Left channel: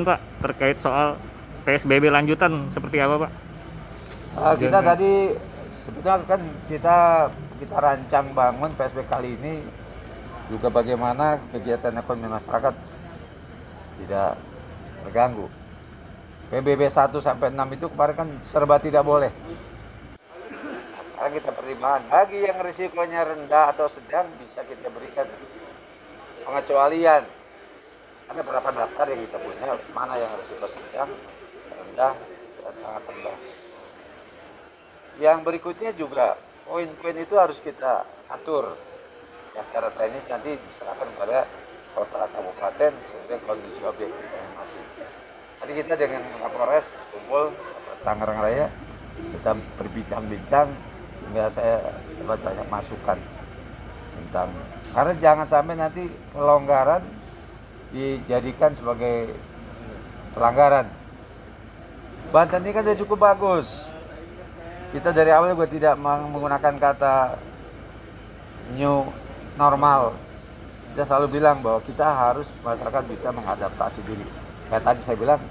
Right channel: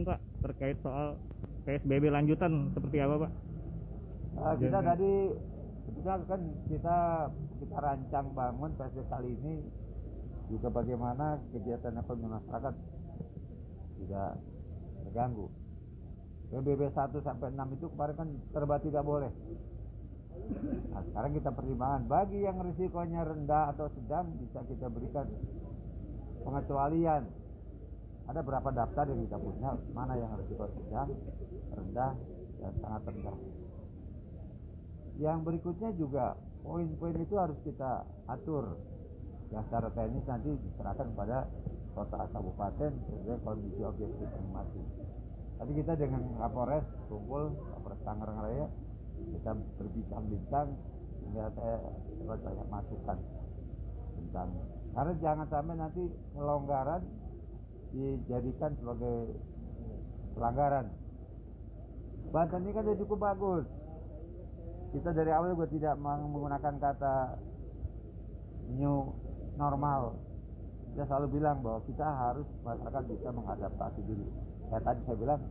izin Pak terkait soal PSBB lanjutan seperti apa Pak? Kita tadi sebetulnya kan kita rancang bangun PSBB kali ini juga bagaimana kegiatan ekonomi masyarakat tidak terganggu. PSBB 1 sampai 6 itu kemarin kan serba tidak boleh. Sekarang kita pertimbangan bagi yang risikonya rendah atau sedang bisa kita berikan pengecualian. Ada berapa daftar yang kita punya, mana yang risiko sedang, rendah, dan sangat rendah. Yang berikutnya juga poin-poin itu harus kita atur. Ya, secara teknis nanti diserahkan kepada kota kabupaten sesuai kondisi objektif yang masih. Tadi kita dengan Kapolres kumpul Tangerang Raya, kita berbincang-bincang sehingga saya dapat banyak masukan tentang, karena jangan sampai nanti kelonggaran dijadikan sebagai pelanggaran. Banten ini kan sudah cukup bagus. Kita dari awal juga tidak menggunakan kata new normal. Kita selalu bilang bahwa kita harus, masyarakat bisa mengadaptasi diri. Kayak tadi saya bilang,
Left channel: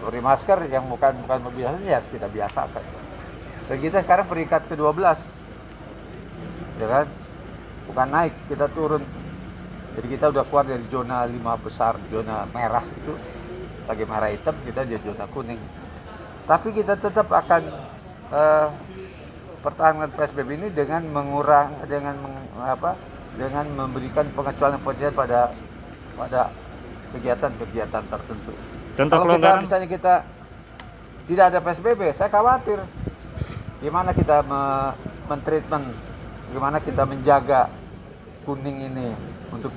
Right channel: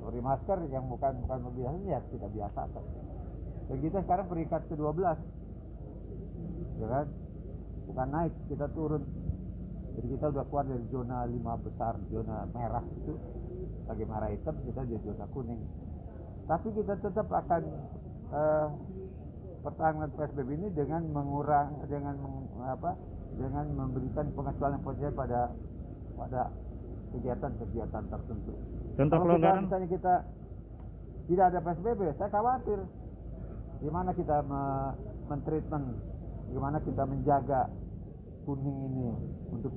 beri masker yang bukan biasa ya kita biasakan. Dan kita sekarang peringkat ke-12, ya kan? Bukan naik, kita turun. Jadi kita udah keluar dari zona 5 besar, zona merah itu, lagi merah hitam, kita di zona kuning. Tapi kita tetap akan pertahankan PSBB ini dengan dengan memberikan pengecualian pada kegiatan-kegiatan tertentu. Contoh Kalau kelonggaran, misalnya kita tidak ada PSBB, saya khawatir gimana kita mentreatment, gimana kita menjaga kuning ini untuk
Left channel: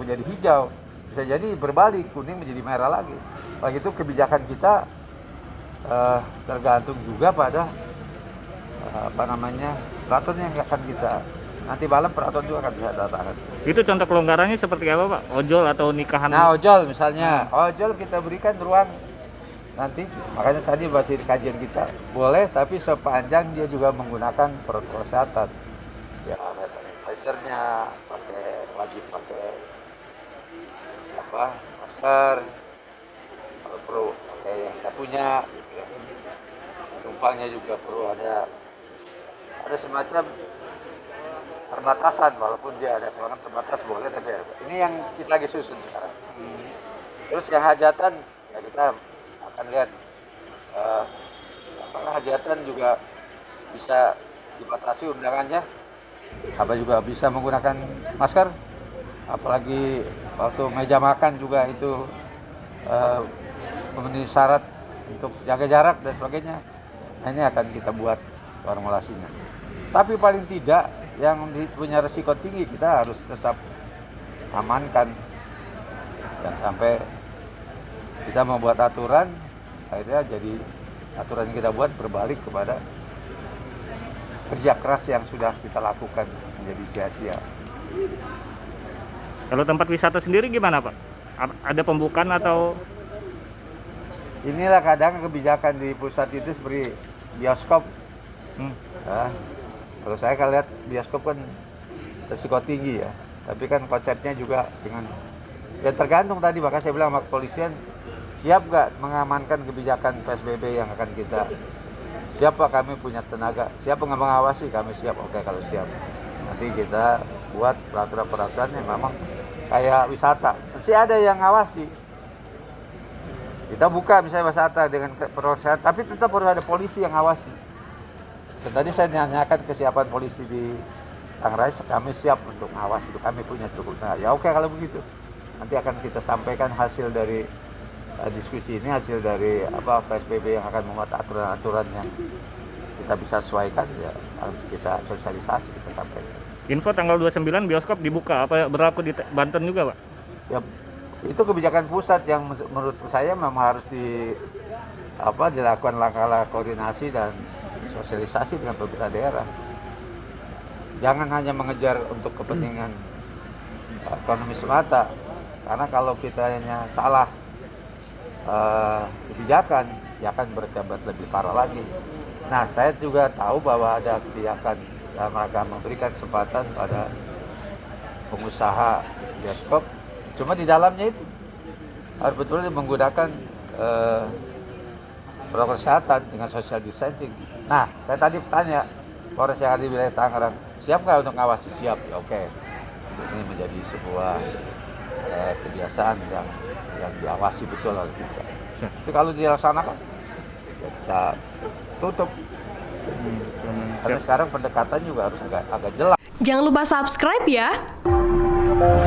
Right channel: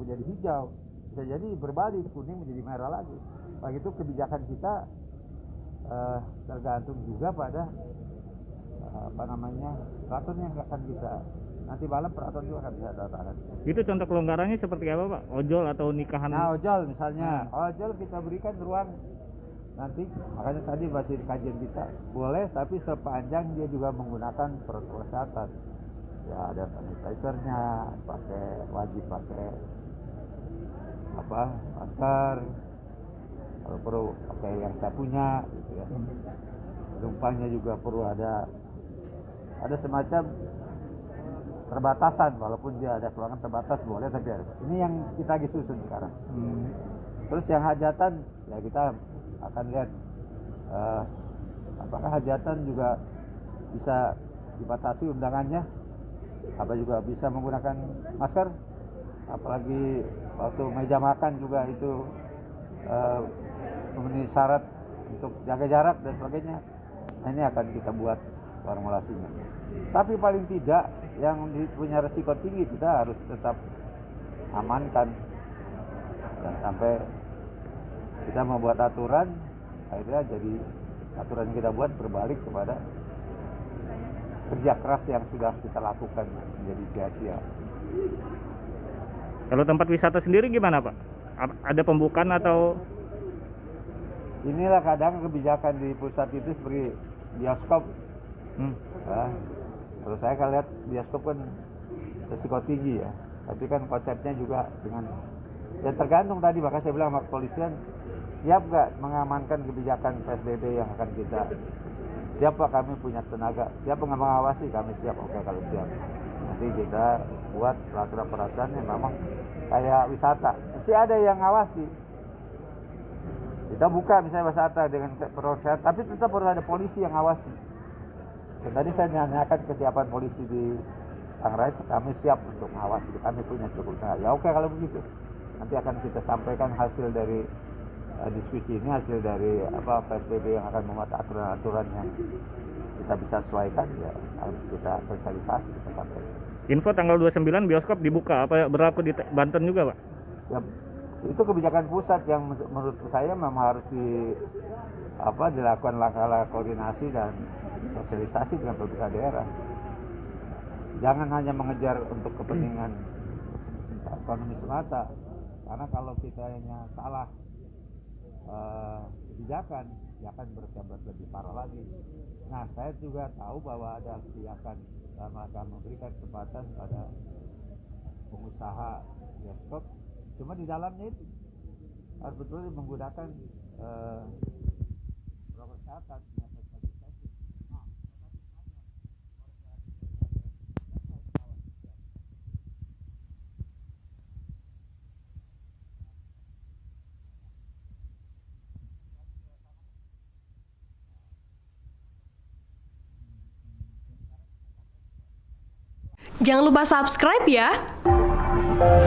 menjadi hijau. Bisa jadi berbalik, kuning menjadi merah lagi. Begitu kebijakan kita tergantung juga pada peraturan yang akan kita, nanti malam peraturan juga akan bisa datangkan. itu contoh kelonggarannya seperti apa Pak? Ojol atau nikahan? Nah, ojol misalnya, ojol kita berikan ruang nanti, makanya tadi masih kajian kita boleh, tapi sepanjang dia juga menggunakan protokol kesehatan. Ya ada sanitizer-nya, wajib pakai masker, kalau perlu pakai yang saya punya, penumpangnya juga perlu ada semacam perbatasan, walaupun dia ada ruangan terbatas boleh, tapi ini yang kita lagi susun sekarang. Terus yang hajatan ya kita akan lihat apakah hajatan juga bisa dibatasi undangannya, apa juga bisa menggunakan masker, apalagi waktu meja makan juga itu memenuhi syarat untuk jaga jarak dan sebagainya. Nah, ini akan kita buat formulasinya. Tapi paling tidak yang punya resiko tinggi kita harus tetap amankan. Dan sampai kita membuat aturan, akhirnya jadi aturan yang kita buat berbalik kepada kerja keras yang sudah kita lakukan menjadi sia-sia. Kalau tempat wisata sendiri gimana Pak? Ada pembukaan atau? Inilah kadang kebijakan di pusat itu seperti bioskop. Ya, kalau saya kan lihat bioskop kan risiko tinggi ya, tapi kan konsepnya juga dengan, dan tergantung tadi, maka saya bilang sama kepolisian, siap nggak mengamankan kebijakan PSBB yang akan kita, siap Pak, kami punya tenaga, siap nggak mengawasi, kami siap. Oke, kalau siap nanti kita buat peraturan-peraturan yang memang kayak wisata, mesti ada yang ngawasi. Kita buka misalnya wisata dengan proses, tapi tetap harus ada polisi yang ngawasi. Dan tadi saya nanyakan kesiapan polisi di Tangerang, kami siap untuk mengawasi itu, kami punya cukup. Nah, ya oke kalau begitu. Nanti akan kita sampaikan hasil dari diskusi ini, hasil dari PSBB yang akan membuat aturan-aturan yang kita bisa sesuaikan, ya harus kita sosialisasi, kita sampaikan. Info tanggal 29 bioskop dibuka, apa berlaku di Banten juga Pak? Ya, itu kebijakan pusat yang menurut saya memang harus dilakukan langkah-langkah koordinasi dan sosialisasi dengan pemerintah daerah. Jangan hanya mengejar untuk kepentingan ekonomi semata, karena kalau kita hanya salah kebijakan, ya akan berjabat lebih parah lagi. Nah, saya juga tahu bahwa ada kebijakan dalam rangka memberikan kesempatan pada pengusaha bioskop, cuma di dalamnya itu harus betul menggunakan protokol kesehatan dengan social distancing. Nah, saya tadi tanya Polres yang ada di wilayah Tangerang, siap nggak untuk ngawasi? Siap, ya oke. Ini menjadi sebuah kebiasaan yang diawasi betul oleh kita. Tapi kalau dilaksanakan, ya kita tutup. Karena sekarang pendekatan juga harus agak jelas. Jangan lupa subscribe ya.